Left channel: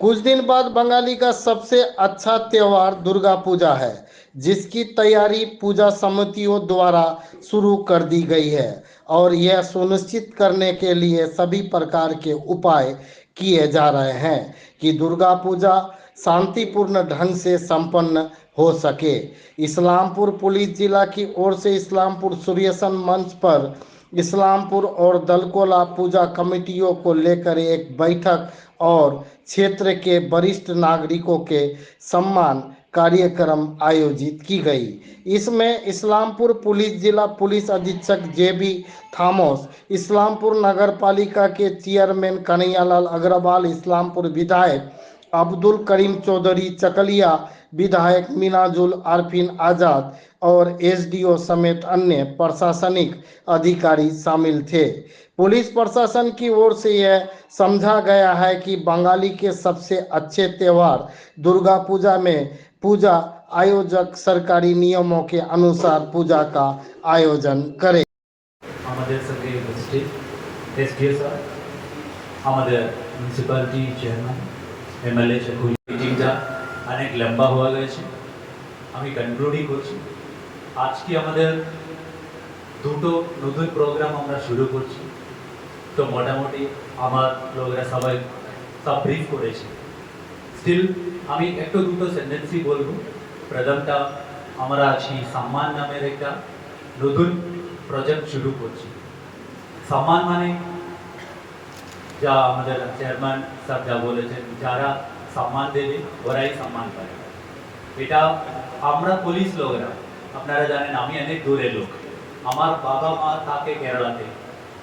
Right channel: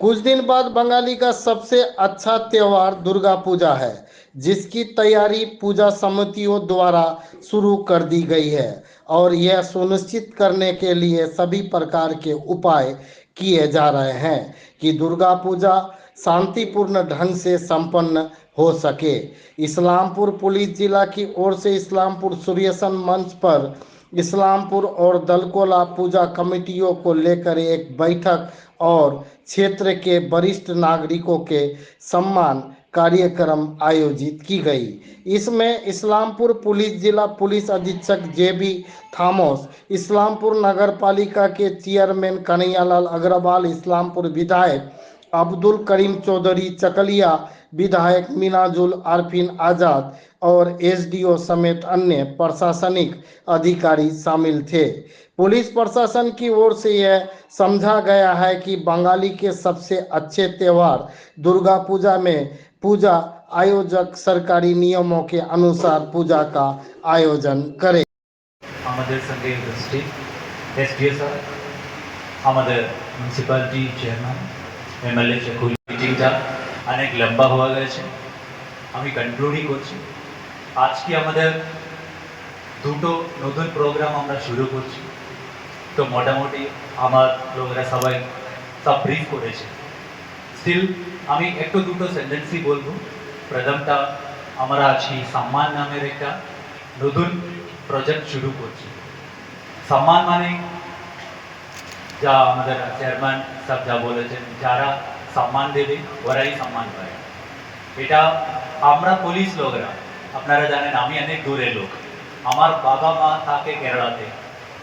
कुछ दिन बाद बंगाली का सबसे अच्छा त्योहार दुर्गा पूजा है, जिसकी तैयारी पूजा समितियों द्वारा शुरू कर दी गई है और यह सुनिश्चित करने के लिए सभी प्रकार के उपाय किए जा रहे हैं कि दुर्गा पूजा शांतिपूर्ण ढंग से संपन्न हो सके। इस्लामपुर पुलिस जिला की ओर से इस्लामपुर सूर्यसन मंच पर इस्लामपुर और दलकोला पूजा कमेटियों को लेकर एक बैठक और क्षेत्र के वरिष्ठ नागरिकों के सम्मान कार्यक्रम आयोजित की गई। इसमें इस्लामपुर पुलिस जिला पुलिस अधीक्षक जेबी थामोस, इस्लामपुर नगर पालिका के चेयरमैन कन्हैयालाल अग्रवाल, इस्लामपुर विधायक अब्दुल करीम चौधरी, चकलिया विधायक मिनाजुल आरफिन आज़ाद और एसडीओ समेत अन्य प्रशासनिक अधिकारी शामिल थे। पुलिस प्रशासन की ओर से यह समझा गया है कि बंगाली के सबसे अच्छे त्यौहार दुर्गा पूजा में पूजा आयोजक सरकारी नियमों के अनुसार पूजा का आयोजन करें। আমাদের সঙ্গে উপস্থিত এসডিও স্যার, আমাদের মিউনিসিপ্যালিটি চেয়ারম্যান, এমএলএ চেকুল, মিটিংটা অনেক লম্বা হয়ে গেছে, আমি কনক্লুডই করছি। আজকে আমাদের দুটো নতুন প্রোগ্রাম আমরা শুরু করছি। তো মোটামুটি আমার লোকেরা সবাই সব ব্রিফ করেছে। স্টিল আমি একটু দুটো সেন্টেন্সই বলবো। প্রথমটা, আমরা আছি সম্মান নামের একটা নতুন প্রজেক্ট শুরু করছি। সম্মান মানে যা আমাদের চেয়ারম্যান স্যার যা বলেছেন, যারা সম্মান দেবে ওরাই সম্মান পায়। এটা আমরা পুলিশ লোকেরা, আপনারা জানেন আমি অনেক দূরের লোক, আমার বাবা মা থাকে কেরালাতে,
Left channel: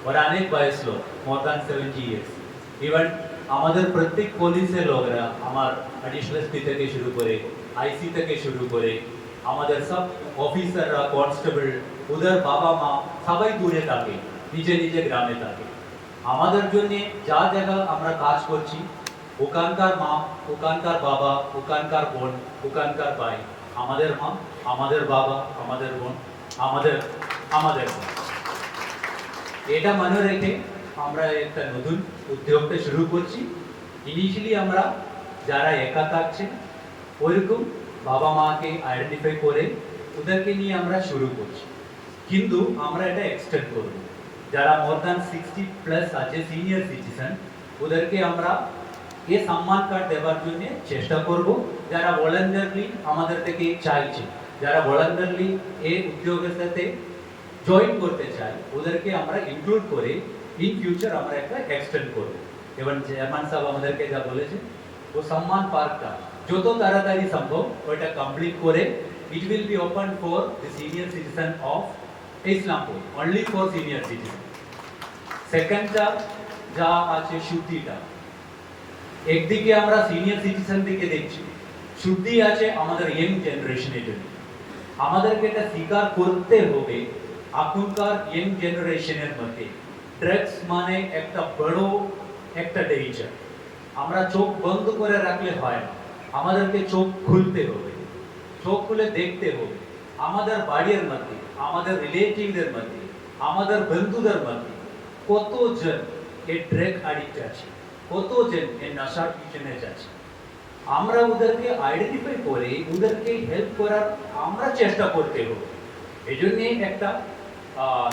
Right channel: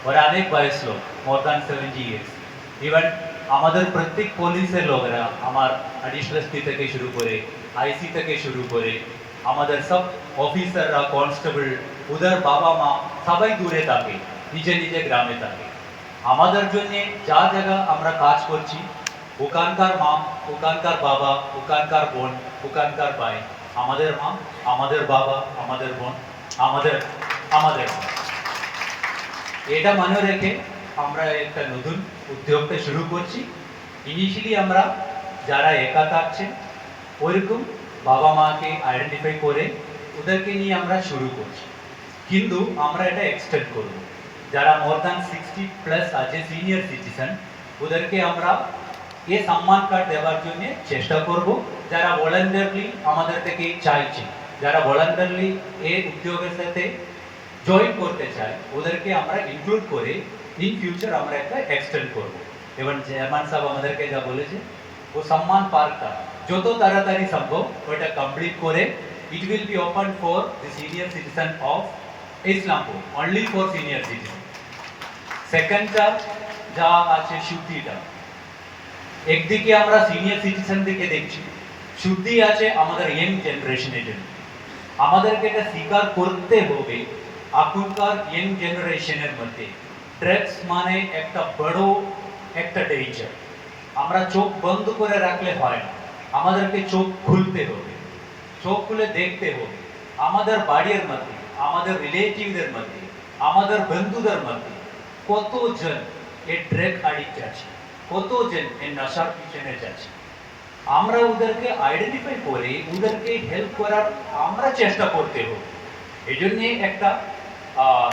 ওরা অনেক বয়স লোক, মোর দ্যান 70 ইয়ার্স। ইভেন আমাদের প্রত্যেক পুলিশের লোকেরা, আমার অ্যাডিশনাল এসপি থেকে শুরু করে আইসি থেকে শুরু করে আমাদের সব অফিসাররা, কনস্টেবল, ওদের বাবা মা সবাই দূরে থাকে, নিজে নিজে গ্রামে থাকে। আমাদের জন্য যা জায়গা আমরা কাজ করছি, ওখানকার মা, ওখানকার বাবা, ওখানকার বোন, ওখানকার ভাই, আমাদের মা, আমাদের বাবা, আমাদের বোন, আমাদের আমাদের মা। এটা মনে রেখে আমরা একটা নতুন উদ্যোগটা শুরু করছি। ইনিশিয়ালি আমরা যারা একা থাকছেন ওইরকম বাবা মাকে আইডেন্টিফাই করে ওদেরকে নিয়ে আমরা শুরু করছি, কিন্তু আমরা এটা এক্সটেন্ড করব। যারা মোর দ্যান 60+ আছে সিনিয়র সিটিজেন, ওদেরকে আমরা এ সম্মান কার্ড দেওয়ার জন্য চেষ্টা করব। যারা ভলান্টারলি আমাদের থেকে চাইছে, যারা ভলান্টারলি এই উদ্যোগের সাথে জয়েন করতে চায়, ওদেরকে আমরা ইনক্লুড করে ইন ফিউচার আমরা একটা এক্সটেন্ড করব। এবং চেয়ারম্যান সাহেব আমাদেরকে যা বলেছে, ও সম্মান পার্কটা যত তাড়াতাড়ি সম্ভব ওটা কমপ্লিট করে it will be open for the senior citizen of Islampur, only for senior citizen. সেকেন্ডটা যা আছে শুদ্ধিটা, একদিকে আমরা সিনিয়র সিটিজেন দিকে দেখছি, শুদ্ধি আছে আমাদের ইয়ং জেনারেশনের জন্য। আমাদেরকে এটা স্বীকার করতে হবে, এখনকার ইয়ং জেনারেশনের মধ্যে ড্রাগস মানে একটা বড় একটা ডেঞ্জার। আমরা চোখ বন্ধ করে রাখলে হয় না, আমাদেরকে চোখ খুলতে হবে, চোখ খুলে দেখতে হবে। আমাদের বাড়ির মধ্যে, আমাদের রিলেটিভদের মধ্যে, আমাদের বন্ধুদের মধ্যে কতজন এই ড্রাগ অ্যাডিক্ট আছে, কতজন এই নেশার পিছনে যাচ্ছে। আমরা ওদেরকে আইডেন্টিফাই করে ওদেরকে হেল্প করার আমরা চেষ্টা করতে হবে। এই জন্য একটা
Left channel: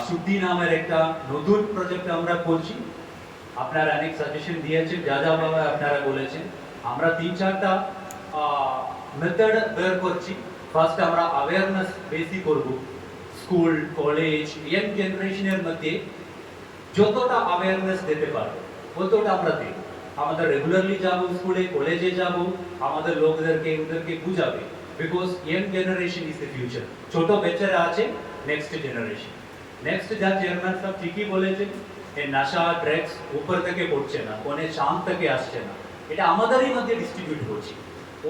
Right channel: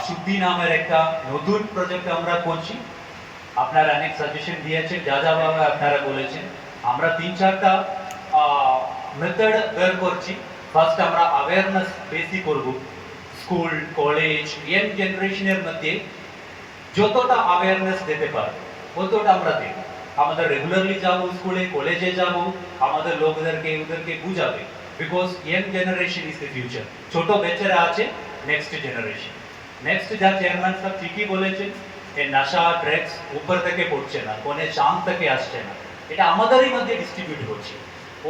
শুদ্ধি নামের একটা নতুন প্রজেক্ট আমরা করছি। আপনারা অনেক সাজেশন দিয়েছেন, যা যা বাবা আপনারা বলেছেন। আমরা 3-4টা মেথড বের করছি। ফার্স্ট আমরা অ্যাওয়ারনেস বেশি করব, স্কুল, কলেজ, ইয়ং জেনারেশনের মধ্যে যতটা অ্যাওয়ারনেস দিতে পারবো ততটা আমরা দেব। আমাদের রেগুলারলি যাব, স্কুলে কলেজে যাব, আমাদের লোকদেরকে ওদেরকে বুঝাবে, because young generation is the future. ছোট বাচ্চারা আছে নেক্সট জেনারেশন। নেক্সট যা চেয়ারম্যান সাহেব ঠিকই বলেছেন, এই নেশা ড্রাগস উপর থেকে পড়ছে না, কোনে চাঁদ থেকে আসছে না, এটা আমাদেরই মধ্যে ডিস্ট্রিবিউট হচ্ছে।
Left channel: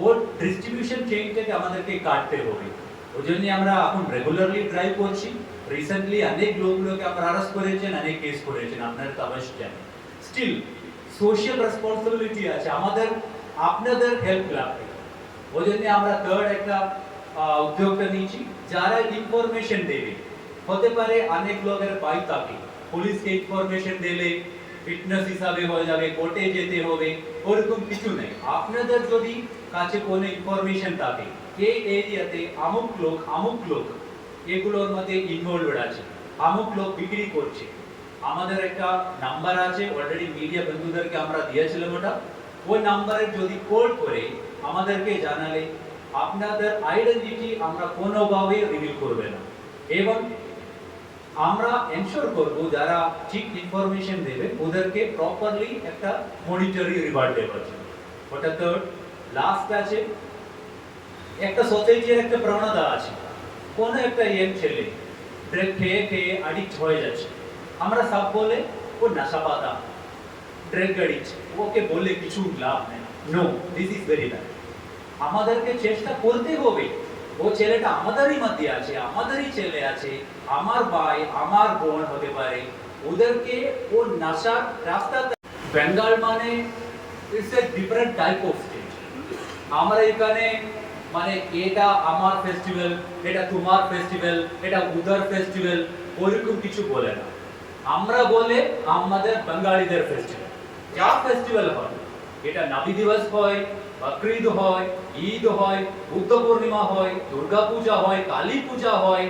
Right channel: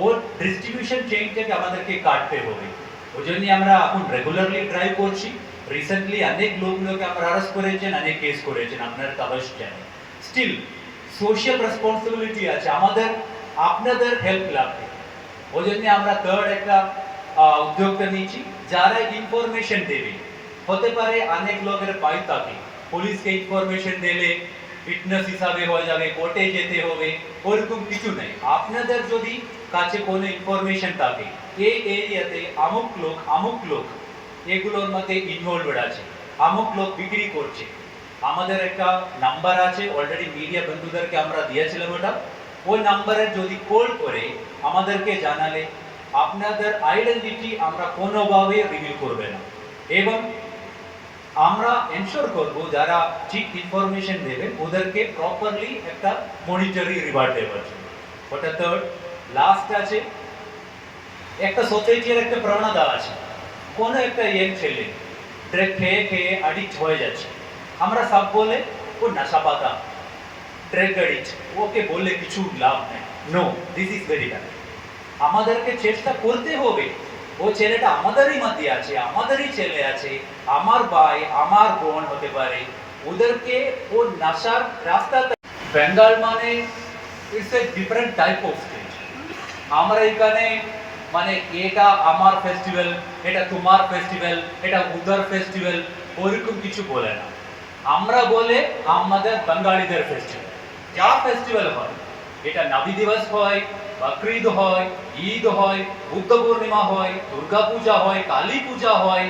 ওর ডিস্ট্রিবিউশন চেইনটাকে আমাদেরকে কাটতে হবে। ওই জন্য আমরা এখন রেগুলারলি ড্রাইভ করছি। রিসেন্টলি অনেক লোকগুলোকে আমরা অ্যারেস্ট করেছেন, অনেক কেস করেছেন, আপনারা তো অবশ্যই জানেন। স্টিল সোশ্যাল রেসপন্সিবিলিটি আছে, আমাদের আপনাদের হেল্প লাগবে। ওই জন্য আমরা থার্ড একটা উদ্যোগটা নিয়েছি, যারা ইনফরমেশন দেবে। হতে পারে অনেক লোকের বাড়ি থাকে, পুলিশকে ইনফরমেশন দিলে ফিটনেস হিসাবে হয়ে যাবে, কোর্টে যেতে হবে, ওরকম কিছু নেই। আপনাদের যদি কাছে কোনো ইনফরমেশন থাকে এই এরিয়াতে আমুক লোক এগুলোর মধ্যে ইনভলভড আছে, আমুক লোক বিক্রি করছে, আমাদের একটা নাম্বার আছে, অলরেডি মিডিয়া বন্ধুদেরকে আমরা দিয়েছিলাম ওটা, ওই নাম্বারে যদি কল করে আমাদেরকে জানালে আপনাদের আইডেন্টিটি আমরা কোনোভাবে রিভিল করবে না, এবং আমরা এনশোর করব যারা ঠিক ইনফরমেশন দেবে ওদেরকে প্রপারলি একটা মনিটরি রিওয়ার্ড দেওয়ার জন্য। ওটা থার্ড। লাস্ট আছে, একটা সোসাইটির একটা প্রবণতা আছে, কোনো একটা ইয়ং ছেলে ড্রাগ খেয়ে খেয়ে অ্যাডিক্ট হয়ে যাচ্ছে, আমরা সব বলে ও নেশা পাতা, ড্রাগ অ্যাডিক্ট, ওকে বলে কিছু লাভ নেই। No, this is very bad. আমাদেরকে চেষ্টা করতে হবে, ও ছেলেটা আমাদেরই মধ্যে আছে, আমাদেরই ছেলে আছে, আমার ভাই আমার বোন হতে পারে, ওদেরকে ও নেশার রাস্তাতে। বেঙ্গল মানে it's a different type of state. আমরা এখানে মানে এটা আমার ফেস্টিভ্যাল, এটা তোমার ফেস্টিভ্যাল, এটা উদার ফেস্টিভ্যাল, ওরকম কিছু বলে না। আমরা বলে আমাদের বাঙালিদের ফেস্টিভ্যাল, যা ফেস্টিভ্যাল হয়, এটা নাবি দিবস হয়, বকরিদ হয়, ঈদ হয়, বুদ্ধ পূর্ণিমা হয়, দুর্গা পূজা হয়, কালী পূজা হয়,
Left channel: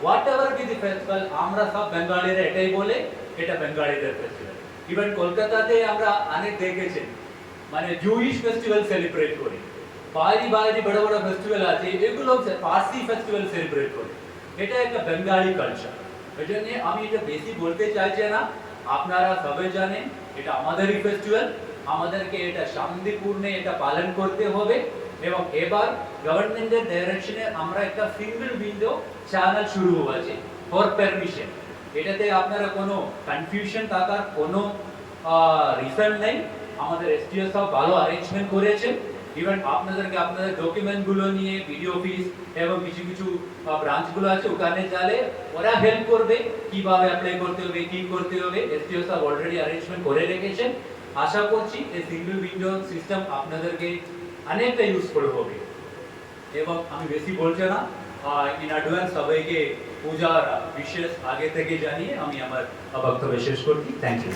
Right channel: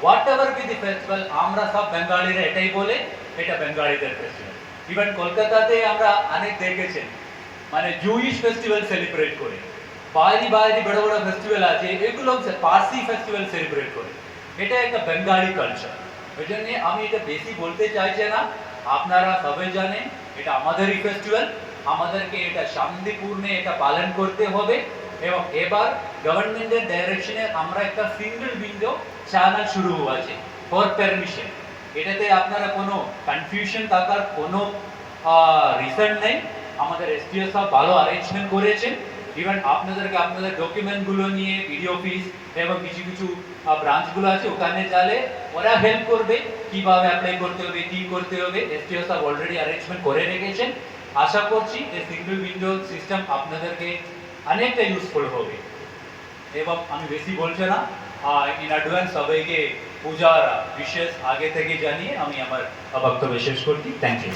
what ever be the festival, আমরা সব বাঙালিরা এটাই বলে এটা বাঙালিদের ফেস্টিভ্যাল। ইভেন কলকাতাতে আমরা অনেক দেখেছেন মানে জুইশ ফেস্টিভ্যাল সেলিব্রেট করে, বাইরে বাইরে বড় বড় ফেস্টিভ্যাল আছে, এগুলো পার্সি ফেস্টিভ্যাল সেলিব্রেট করে, এটা একটা বেঙ্গলি কালচার। ওই জন্য আমি এটা বেশি বলতে চাইছি না, আপনারা সবাই জানেন এটা আমাদেরই ফেস্টিভ্যাল, আমাদেরকে এটা শান্তিপূর্ণে এটা পালন করতে হবে। এবং এবার গভর্নমেন্টের ডাইরেকশনে আমরা একটা সিঙ্গেল উইন্ডো চ্যানেল শুরু হয়েছে ফর পারমিশন, এটাতে আপনারা কোনো কনফিউশন থাকার কোনো রিজন নেই। আমাদের এসটিও সব ভালো অ্যারেঞ্জমেন্ট করেছে, ইভেন আপনাদেরকে আপনাদের ডকুমেন্টগুলো নিয়ে ভিডিও অফিস এবং কিছু কিছু ব্রাঞ্চগুলো আছে ওখানে চালে ওরা হেল্প করবে কিভাবে অ্যাপ্লাই করতে হবে, কি করতে হবে, এসটিও সব অলরেডি অ্যারেঞ্জমেন্ট করে রেখেছেন। আশা করছি এই সিঙ্গেল উইন্ডো সিস্টেম আপনাদেরকে অনেকটা ইউজফুল হবে। এবং আমি বেশি বলছি না, ইন অ্যাডভান্স সবাইকে পূজার বিশেষ আগে থেকে জানিয়ে আমি আমার বক্তব্য শেষ করছি। Thank you.